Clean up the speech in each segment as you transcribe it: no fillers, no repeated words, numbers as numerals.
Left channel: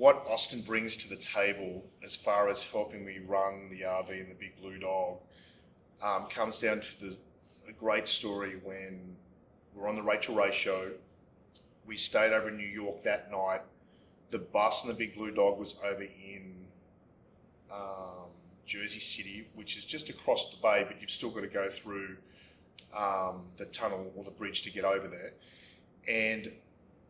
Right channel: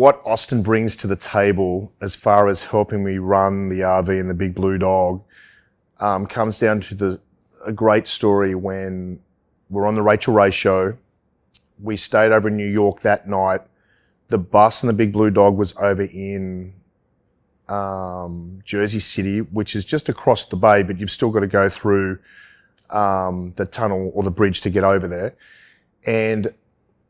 what Austin brings to the table as far as helping me run the RV and the Big Blue Dog comes down to a great story when we're on the Rachael Ray show. We stayed over in New York that night. The bus and the Big Blue Dog was over in Jersey City, which is just across the bay, but you've still got to go through the tunnel or the bridge to get over there. And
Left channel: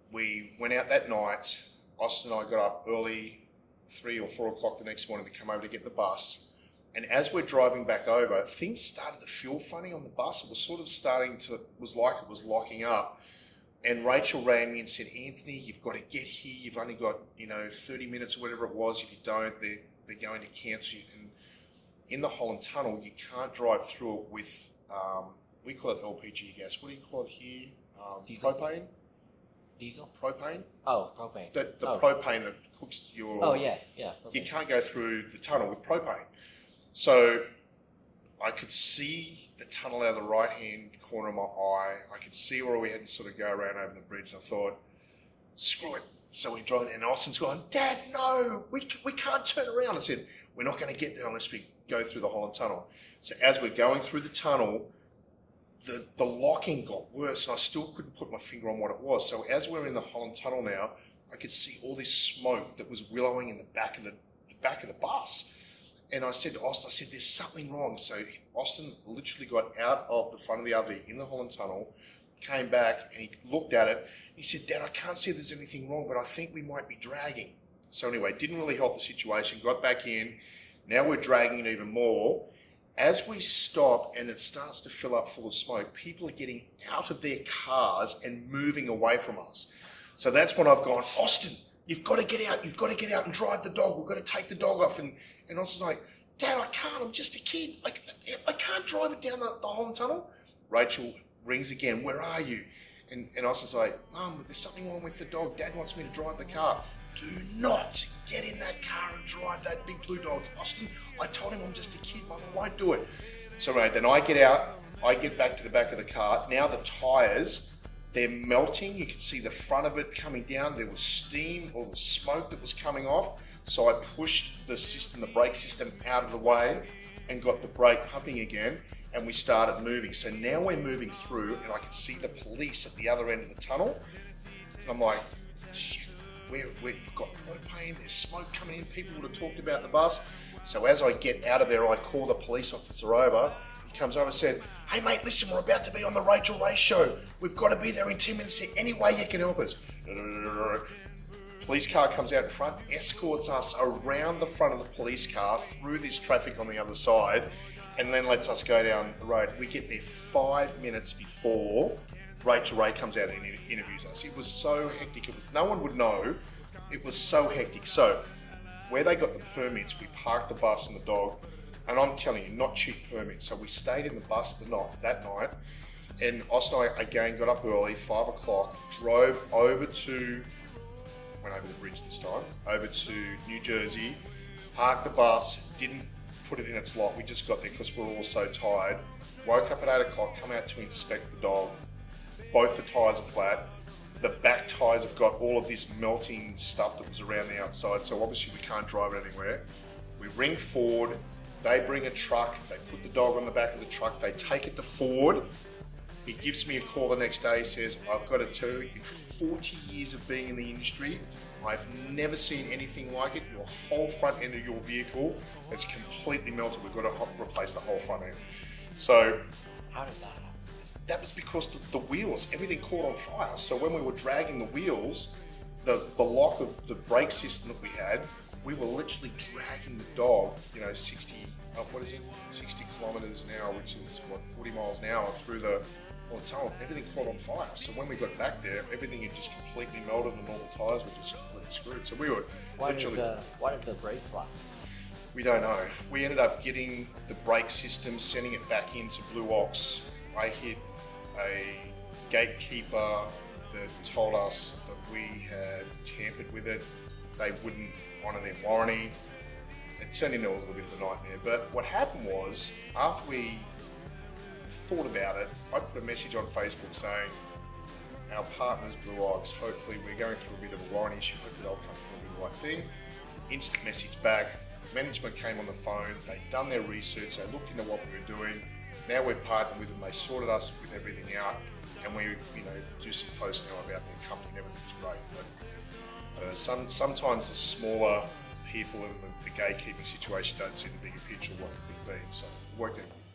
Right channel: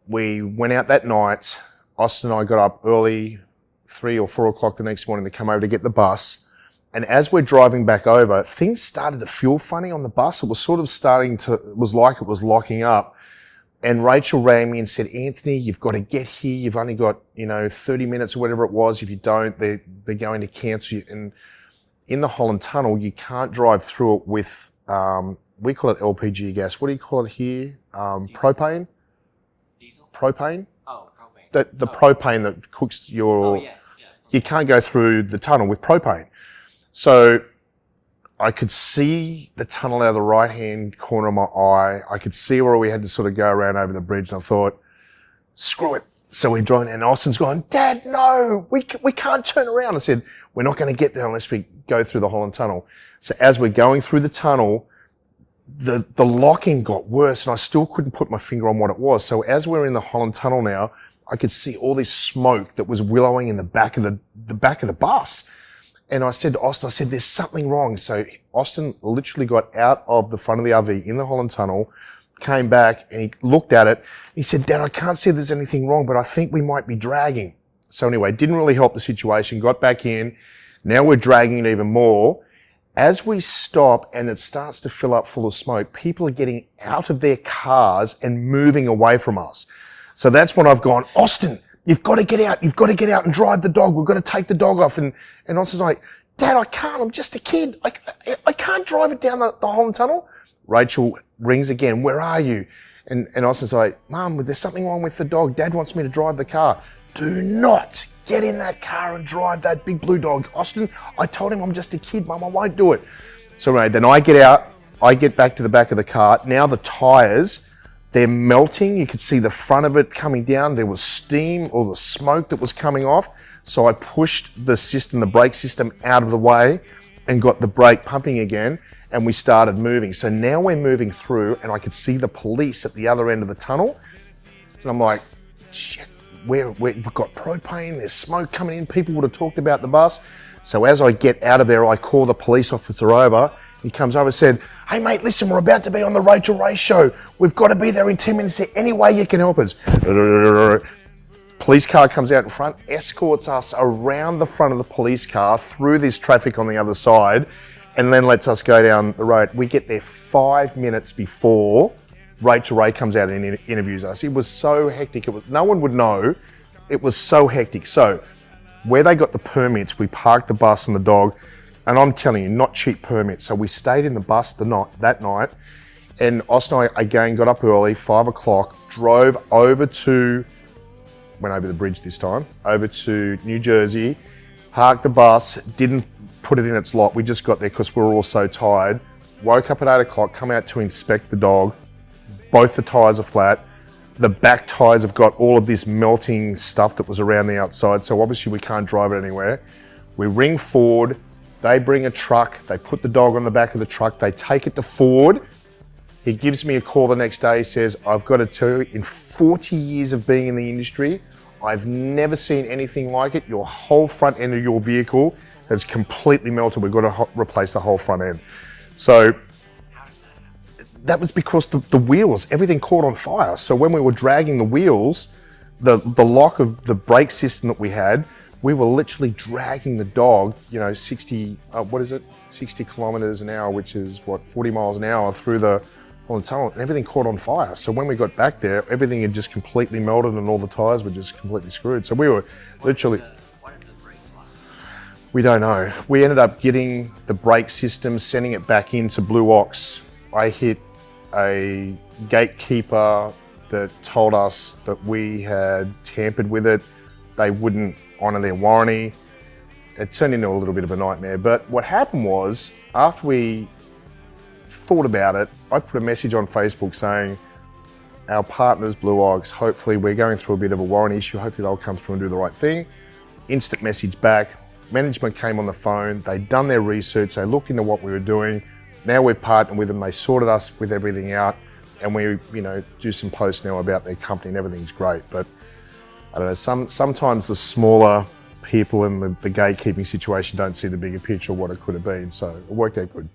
we went out that night. Austin and I got up early, 3 or 4 o'clock the next morning to come over to get the bus. And as we're driving back over, things started to feel funny on the bus. It was sort of it was like it was locking up. And Rachael rang me and said, Anthony, you've got to get here. You've only got, 30 minutes or whatever it was. If you don't, they're going to cancel you. And in the Holland Tunnel, you can't drive through it with, we call it LPG gas. What do you call it here? Propane? Diesel? Propane? Oh, propane. The propane that cooks your... Oh, yeah. You can't go through the tunnel with propane. So I could see the tunnel out of the right-hand corner of my eye. I could see where we had to sort of go around over the bridge, and I thought, screw it. So we drove, and Austin's going, Dad, no, we can't turn around. I said, we're not going to get there unless we go through the Holland Tunnel. So as we're going through the tunnel, the locking got worse, and I still couldn't put my finger on what it was. So as we're in the Holland Tunnel now, I could see all this smoke that was willowing in the back of the bus. And I said to Austin, there's something wrong. So Austin literally got out of the front of the RV in the Holland Tunnel, came back, and he looked at it. He said, Dad, I can't see there's anything wrong, but I think we might be dragging. So anyway, didn't really help the situation, got back in. Now we're dragging it even more. As we stop and it starts to fill up full of smoke, people are getting out of their cars and moving away from us. So that's when I've gone, Austin, you've got to get out. You've got to get out and drive the dog. We've got to take the dog off. And Austin's like, Dad, I can't. I'm just a kid. I can't drive it down the Holland Tunnel. Rachael rings again. Where are you? And Austin's like, Mum, there's something wrong with the dog. Dad wants me to drive the car. Do not get in that car and drive that Big Blue Dog. Austin, I told him I'm just a kid, Mum. I won't do it. So right, then I get out. I get back to the back of the car. Now the tires, they're melting. You could see the front of it coming down. There was steam or the smoke that was coming off. So I pushed the brake system out of the way and got the brake pumping again, and we started moving. So now we're moving through, and I could see the police at the other end of the tunnel. And I'm like, shit, we've got propane, there's smoke coming in. People would have talked about the bus. So as I get out of there, I call the police officer over. He comes over and said, hey mate, listen, we're about to be on the Rachael Ray show. We've got to be there in 10 minutes. Is there any way you can help us? Police car comes out in front, escorts us around the front of the police car through this traffic on the other side, and then lets us go down the road. We get there 5 minutes before Rachael Ray comes out and interviews us. It was so hectic. No one would know. It was so hectic. So where they got the permits, we parked the bus and the dog, and I'm telling you, not cheap permits. So we stayed in the bus that night, and Austin and I again got up early, 5 o'clock, drove went over the bridge this time, over to New Jersey, parked the bus, didn't put it in its lot. We just got there because we were all so tired. Woke up at 8 o'clock, come out to inspect the dog. Both the tyres are flat. The back tyres have got all of this melting stuff that was around the outside, so obviously we can't drive it anywhere. We ring Ford, they bring a truck, they put the dog on the back of the truck, they take it to Ford. He gives me a call the next day, he says, I've got to tell you, in 40 years of being in the industry, I've never seen anything like it. Your whole front end of your vehicle has completely melted. We've got to replace the whole front end. So that was because the wheels, everything caught on fire. So when we were dragging the wheels, the lock of the brake system that we had, we were literally dragging the dog, 60 kilometers an hour, which is 40 miles an hour through the tunnel, and everything caught on fire. So when we got back there, everything had just completely melted and all the tires were just completely screwed. So we were literally... Why did the brakes lock? We don't know. We ended up getting the brake system, sending it back into Blue Ox. I hit a gatekeeper that told us that we had tampered with it. They wouldn't honour their warranty. It turned into a little bit of a nightmare. But what happened was, after we thought about it, I put a message on Facebook saying, our partners, Blue Ox, hopefully we're going through a bit of a warranty issue. Hopefully they'll come through and do the right thing. Instant message back. Management came on the phone. They'd done their research. They looked into what we were doing. Now we've partnered with them. They sorted us with everything out, and we, do some posts now about their company, and everything's great. But I don't know. Sometimes the smaller people in the gatekeeping situation don't see the bigger picture of what it could have been. So it worked out good.